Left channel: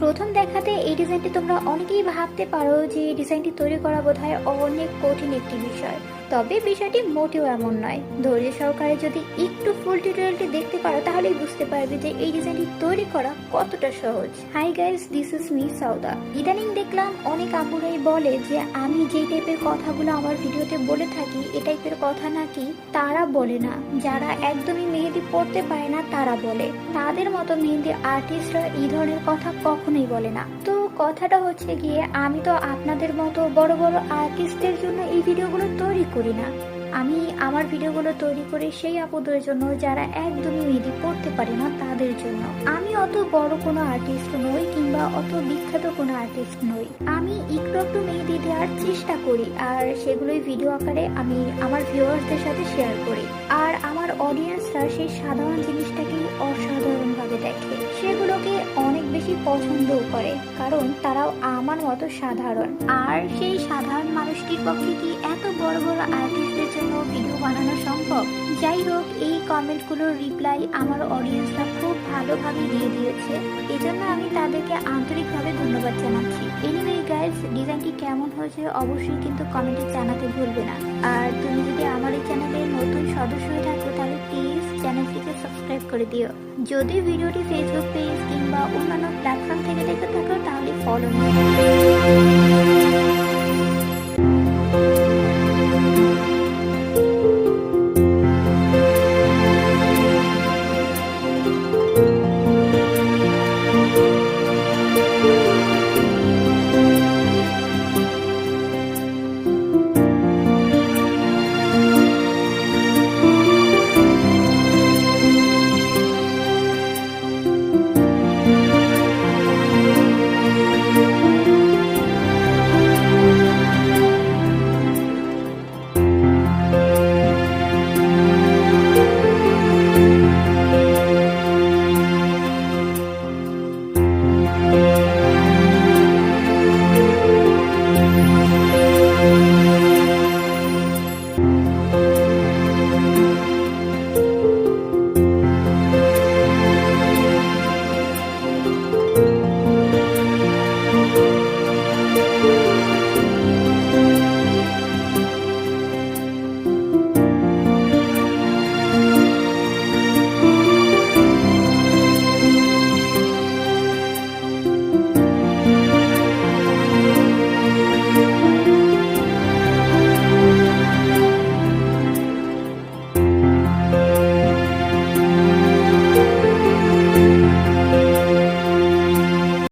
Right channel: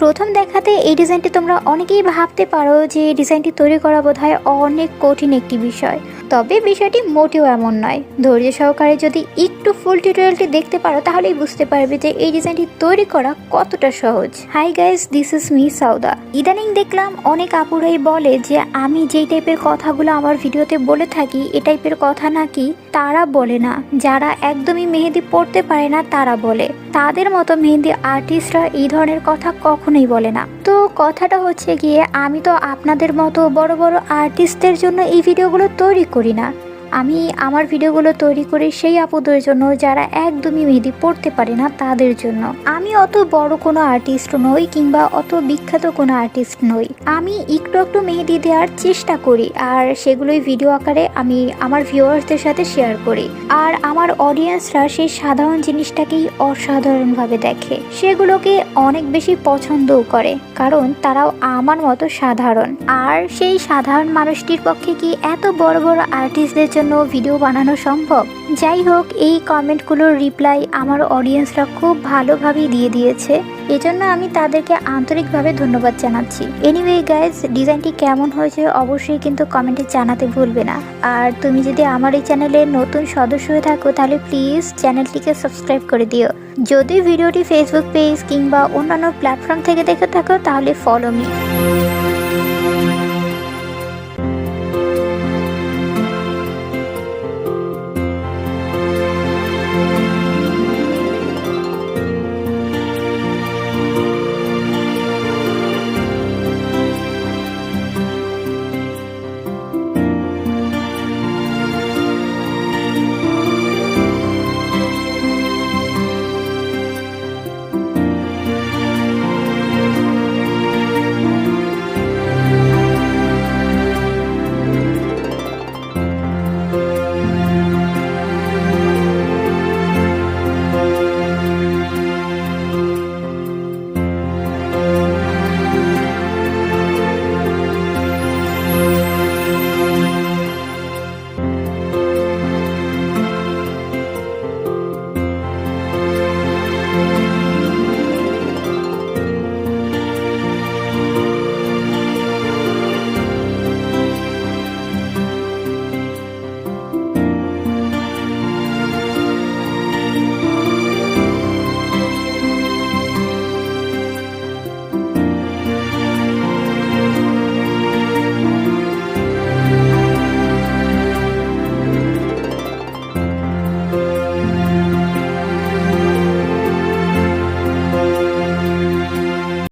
প্রথম দেখাতে এই ডিজাইনটি তোমরা অনেকেই ভাবতে পারো যে ডিজাইনটি তৈরি করা বোধহয় অনেক কঠিন একটি বিষয়, তবে বিষয়টি মোটেও এমন নয়। ধৈর্য সহকারে যদি একটু ফুল টিউটোরিয়ালটি দেখতে পারো তাহলেই বুঝতে পারবে যে এই ডিজাইনটি তৈরি করা কতটা সহজ। Hi guys, this is me Sawda. ইদানিং দেখলাম অনেক আপুরাই বলে যে আমি যেই টাইপের কথাগুলো আমার ভিডিওতে বলে থাকি এ টাইপের কথা নাকি তারা বলে না, যারা একদমই মেহেদি পড়তে পারে না তারা বলে। তাদের মতো মেহেদি আর্টিস্টরা এই ধরনের কথা কখনোই বলে না। তো কথাটা হচ্ছে গিয়ে, আমি তো আপনাদের মতো বড় বড় আর্টিস্টদের জন্য এই ভিডিওগুলো তৈরি করি না। আমি আমার ভিডিওগুলো তৈরি করি সেই আপুদের জন্য যারা একদমই মেহেদি পড়তে পারে না তাদের জন্য। আমি অত বড় কোনো আর্টিস্ট নই কিংবা অত বিখ্যাত কোনো আর্টিস্ট নই। আমি একটু একটু মেহেদি দেওয়ার চেষ্টা করি আর সেগুলোই ভিডিও আকারে আমি আমার ভিউয়ার্সদের সাথে শেয়ার করি। আর আমার অডিয়েন্সরা সেই সাধারণ জিনিসটাকেই অসাধারণভাবে দেখে, সেগুলোকে অনেক বেশি পছন্দও করে, কারণ তারাও আমার মতো সাধারণ। আর সেই সাধারণ মানুষটির পক্ষে কি এত বড় বড় আর্টিস্টদের জন্য ভিডিও বানানো সম্ভব? যাই হোক, এই কমেন্টগুলোর রিপ্লাই আমার অডিয়েন্সরা খুব ভালোভাবেই দিয়ে দিয়েছে, এজন্য আমি তাদেরকে আন্তরিকভাবে ধন্যবাদ জানাচ্ছি। এনিওয়ে গাইজ, ডিজাইনটি কেমন হয়েছে অবশ্যই কিন্তু কমেন্টে জানাতে ভুলবে না। আর তুমি যদি আমার এই চ্যানেলের নতুন সদস্য হয়ে থাকো তাহলে প্লিজ চ্যানেলটিকে সাবস্ক্রাইব করে দিও। যদি ভিডিওটি ফেসবুক পেজ কিংবা অন্যান্য প্ল্যাটফর্ম থেকে দেখে থাকো তাহলে ফলো মি।